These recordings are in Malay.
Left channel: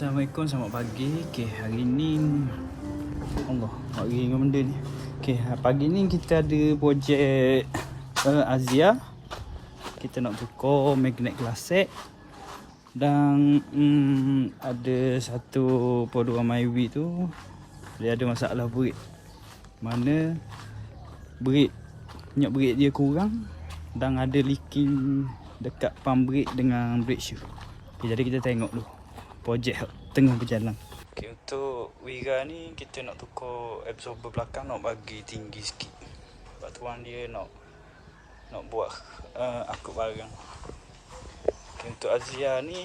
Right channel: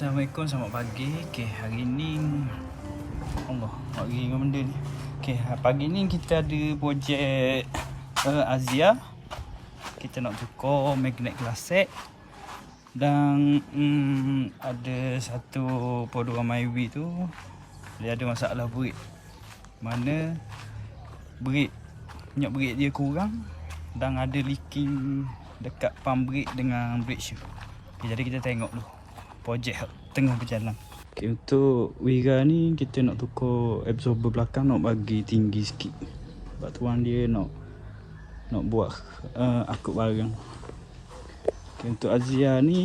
Assalamualaikum, selamat pagi. Hari ni Allah, hari dengan benda ni. Pagi ni kita ada projek Azia. Kita nak tukar magnet klasik. Dan ada satu produk MyWi tu dia ada masalah brake. Mana minyak brake dia kurang dan ada leaking dekat pump brake dengan brake shoe. Jadi kita tengok dulu projek tengah berjalan. Untuk Wira ni kita nak tukar absorber belakang, nak bagi tinggi sikit. Sebab tuan dia nak buat akut barang. Untuk Azia ni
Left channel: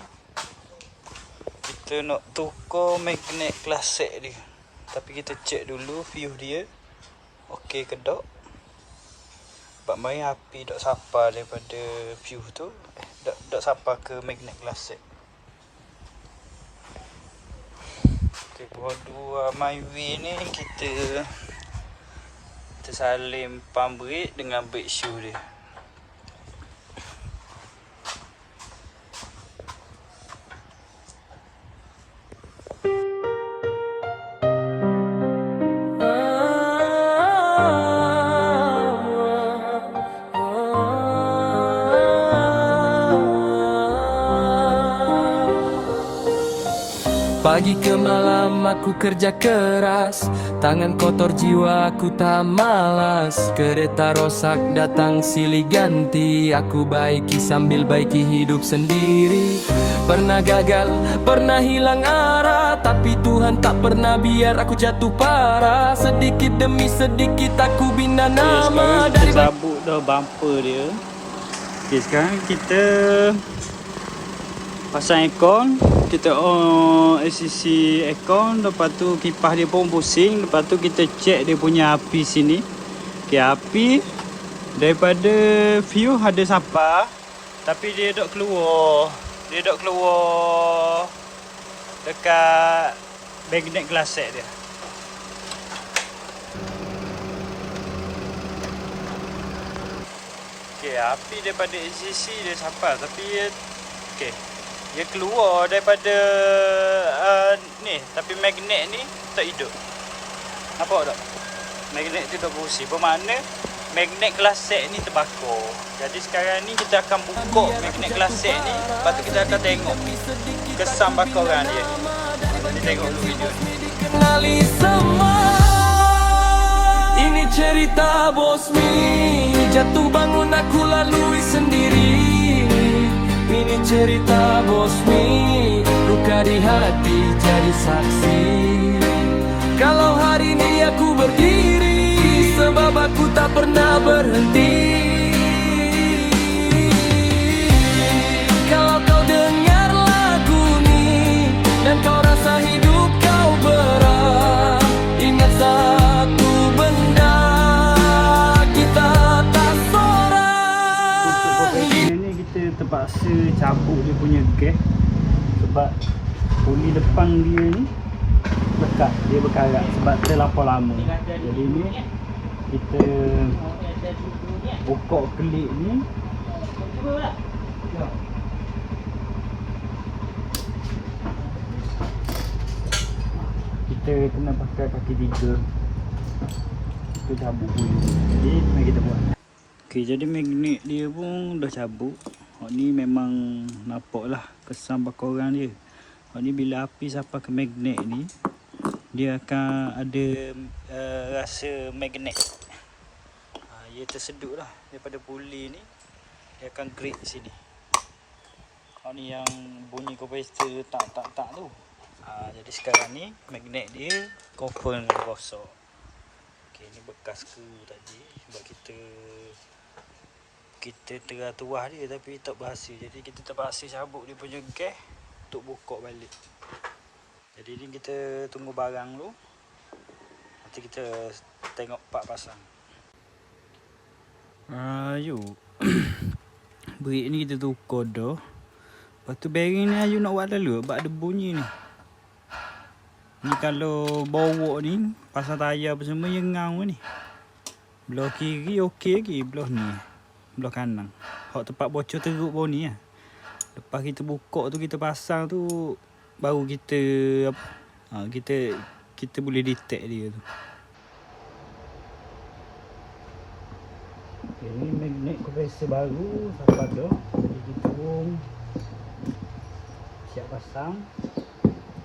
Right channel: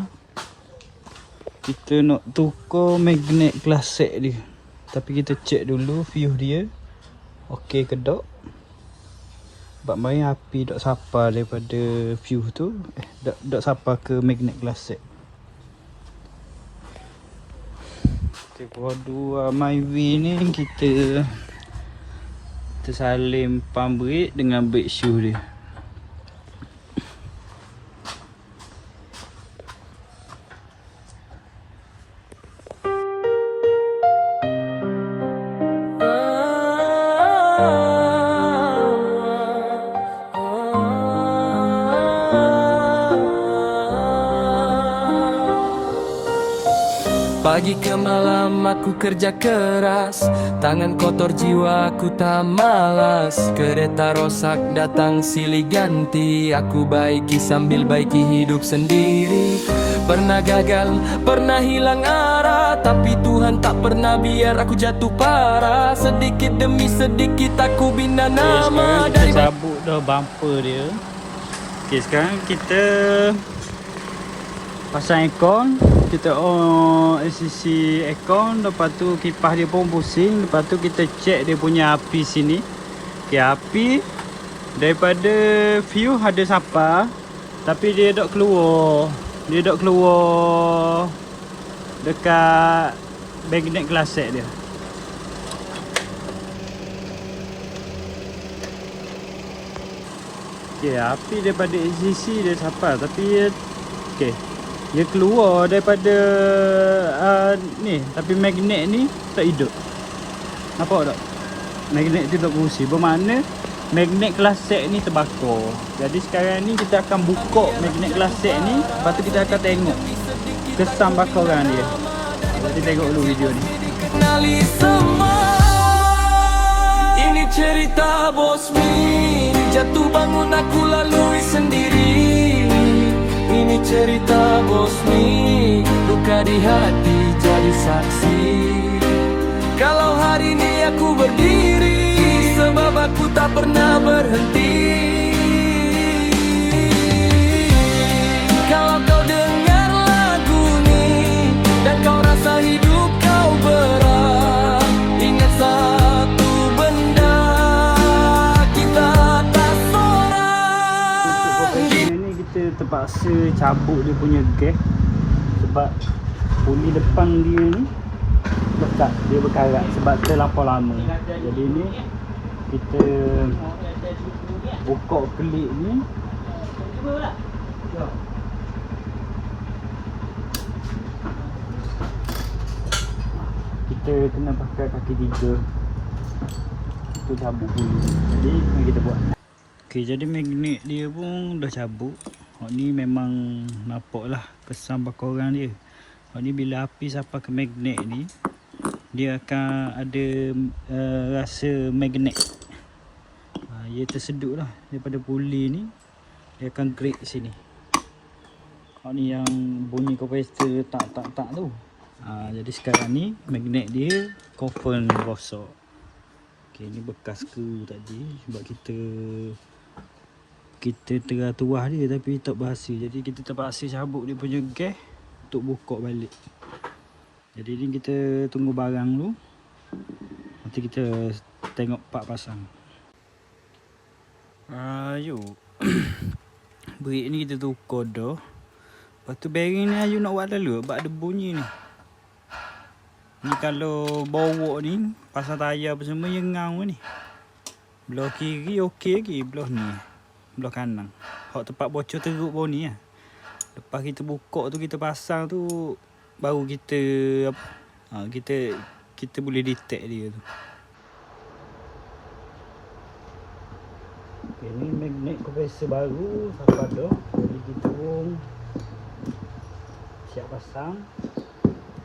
kita nak tukar magnet klasik dia. Tapi kita cek dulu fuse dia okey ke tak. Sebab main api tak sapa daripada fuse tu, tak sapa ke magnet klasik. Produk MyWi ni kita tersalin pump brake dengan brake shoe dia. Pagi ke malam aku kerja keras, tangan kotor jiwa aku tak malas. Kereta rosak datang silih ganti, aku baiki sambil baiki hidup sendiri. Pernah gagal, pernah hilang arah, tapi Tuhan tak pernah biar aku jatuh parah. Sedikit demi sedikit aku bina nama dari sabuk dah bumper dia. Sekarang kita pasang aircon, kita on ACC aircon, lepas tu kipas dia pun pusing, lepas tu kita check dia punya api sini. Api daripada fuse ada sapa, tapi dia tak keluar. Dia tak keluar dekat magnet klasik dia. Api daripada ACC dia sapa, tapi dia keluar daripada ni, tapi magnet ni tak hidup. Nampak tak? Magnet tu tak berfungsi. Bermakna magnet klasik ni terbakar. Jadi sekarang ni kita akan buka magnet klasik ni, lepas tu kita akan tengok kesan bakaran dia. Kita tengok dulu video ni. Kenali semua, ini cerita bos Mi. Jatuh bangun aku lalui sendiri. Ini cerita bos Mi, luka di hati jadi saksi. Kalau hari ini aku berdiri, sebab aku tak pernah berhenti. Kalau kau dengar lagu ni dan kau rasa hidup kau berat, ingat satu benda, kita tak seorang. Kita terpaksa cabut dia punya gas sebab puli depan dia ni lekat, dia berkarat sebab terlampau lama. Jadi ni kita buka kelip ni, kita kena pakai kaki tiga, kita cabut puli. Jadi mari kita buat. Jadi magnet dia pun dah cabut. Ni memang nampak lah kesan bakaran dia. Ni bila api sampai ke magnet ni, dia akan ada rasa magnet. Dia tersedut lah daripada puli ni, dia akan grate sini. Ni yang bunyi kompresor tak tu. Jadi sekarang ni magnet dia confirm rosak. Ni bekas skru tadi sebab kita tuah dia tapi tak berhasil. Jadi kita terpaksa cabut dia punya gas untuk buka balik. Jadi ni kita tunggu barang dulu. Nanti kita tengok part pasang. Brake ni kita tukar dah. Lepas tu bearing ni Ayu nak buat dulu sebab ada bunyi ni. Ni kalau bawa ni pasang tayar apa semua yengang ni. Belah kiri okey lagi, belah kanan. Hak tempat bocor teruk bau ni lah. Lepas kita buka tu, kita pasang tu, baru kita kita boleh detect dia tu. Okay, ni magnet compressor baru sampai dah. Jadi kita pun siap pasang.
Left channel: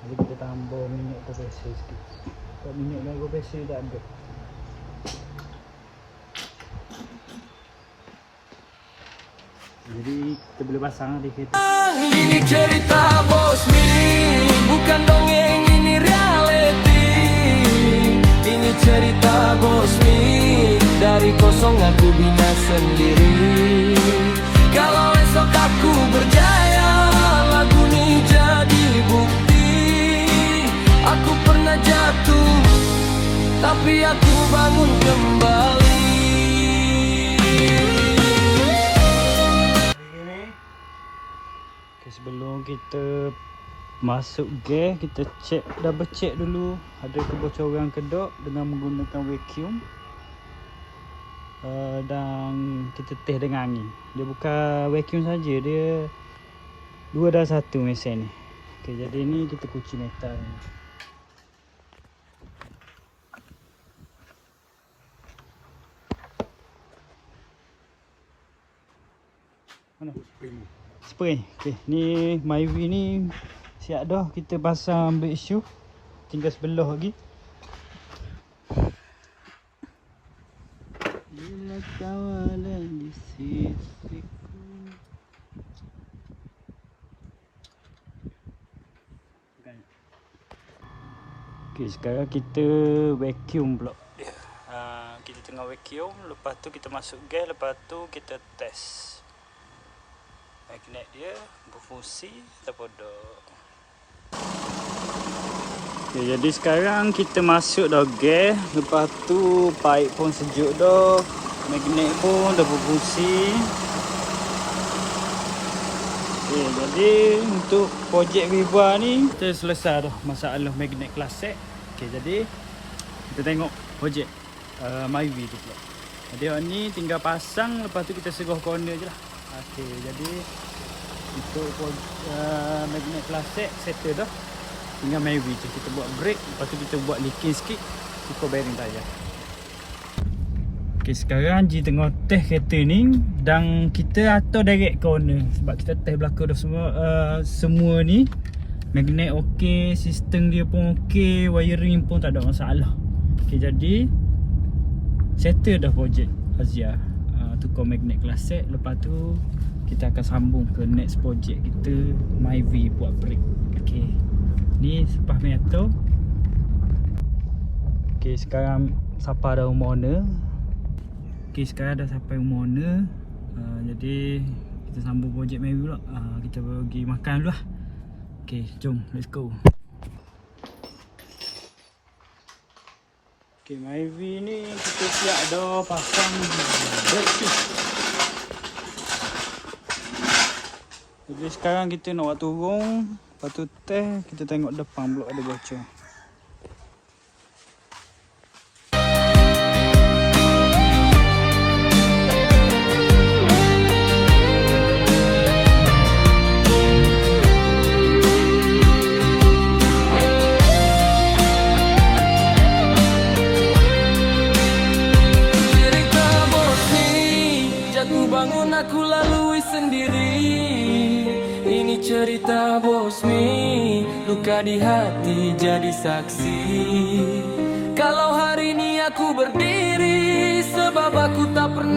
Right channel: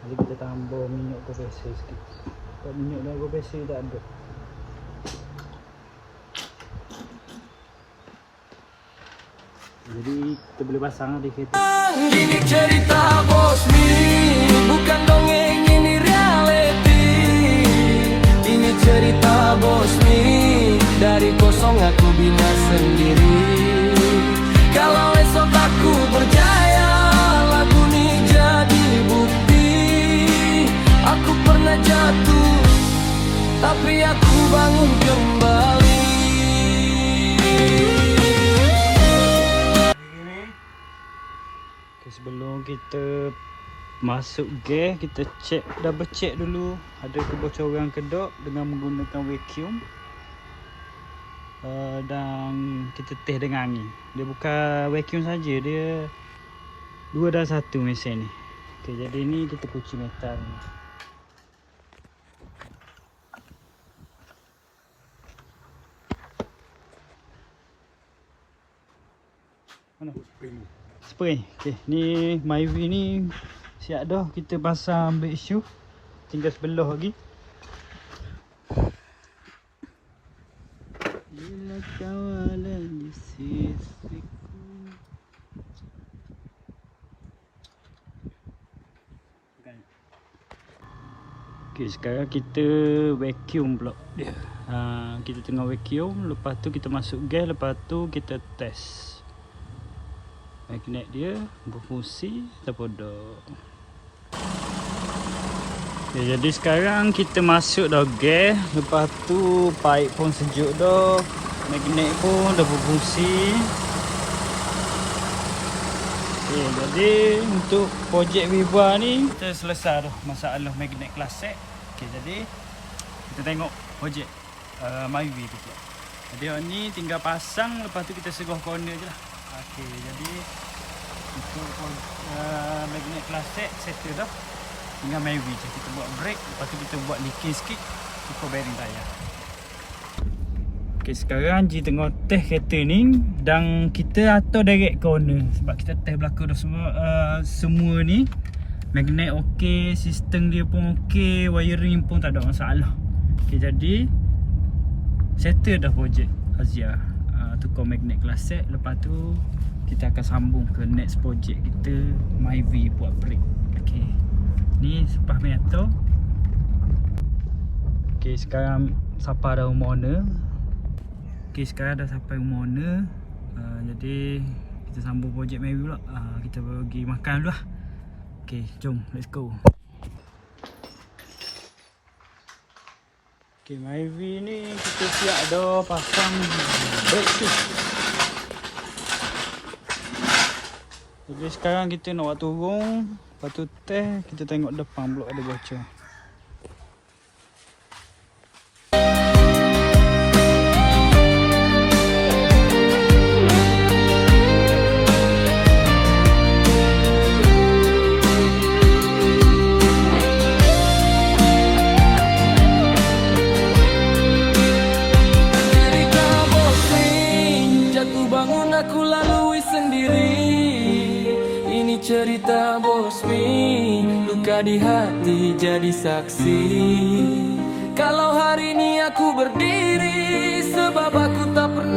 Jadi kita tambah minyak compressor sikit. Kalau minyak dalam compressor tak ada. Jadi kita boleh pasang di kereta. Ini cerita bos mi, bukan dongeng, ini reality. Ini cerita bos mi, dari kosong aku bina sendiri. Kalau esok aku berjaya, lagu ini jadi bukti. Aku pernah jatuh, tapi aku bangun kembali. Okay, sebelum kita masuk gas, kita double check dulu ada kebocoran ke tak dengan menggunakan vacuum. Dan kita test dengan angin. Dia bukan vacuum saja, dia 2 dalam 1 mesin ni. Okay, jadi ni kita kunci metal ni. Mana? Spray. Okay, ni Myvi ni siap dah. Kita pasang brake shoe. Tinggal sebelah lagi. Bila kawalan di sisiku. Okay, sekarang kita vacuum pula dia. Kita tengah vacuum. Lepas tu kita masuk gas. Lepas tu kita test magnet dia berfungsi ataupun tak. Okay, jadi sekarang kita masuk dah gas. Lepas tu pipe pun sejuk dah. Magnet pun dah berfungsi. Okay, jadi untuk projek Viva ni kita selesai dah masalah magnet klasik. Okay, jadi kita tengok projek Myvi tu pula. Jadi ni tinggal pasang. Lepas tu kita serah corner je lah. Okay, jadi untuk magnet klasik settle dah. Tinggal Myvi je. Kita buat brake. Lepas tu kita buat leaking sikit. Tukar bearing tayar. Okay, sekarang Haji tengah test kereta ni. Dan kita atur direct corner. Sebab kita test belakang dah semua ni. Magnet ok. Sistem dia pun ok. Wiring pun tak ada masalah. Okay, jadi settle dah projek Azia. Tukar magnet klasik. Lepas tu kita akan sambung ke next project kita, Myvi buat brake. Okay, ni sepah metal. Okay, sekarang sampai dah rumah owner. Okay, sekarang dah sampai rumah owner. Jadi kita sambung projek Myvi pula. Kita pergi makan dulu lah. Okay, jom, let's go. Okay, Myvi ni kita siap dah pasang brake shoe. Jadi sekarang kita nak buat turun. Lepas tu test, kita tengok depan blok ada bocor. Cerita bos ni, jatuh bangun aku lalui sendiri. Ini cerita bos mi, luka di hati jadi saksi. Kalau hari ini aku berdiri, sebab aku tak pernah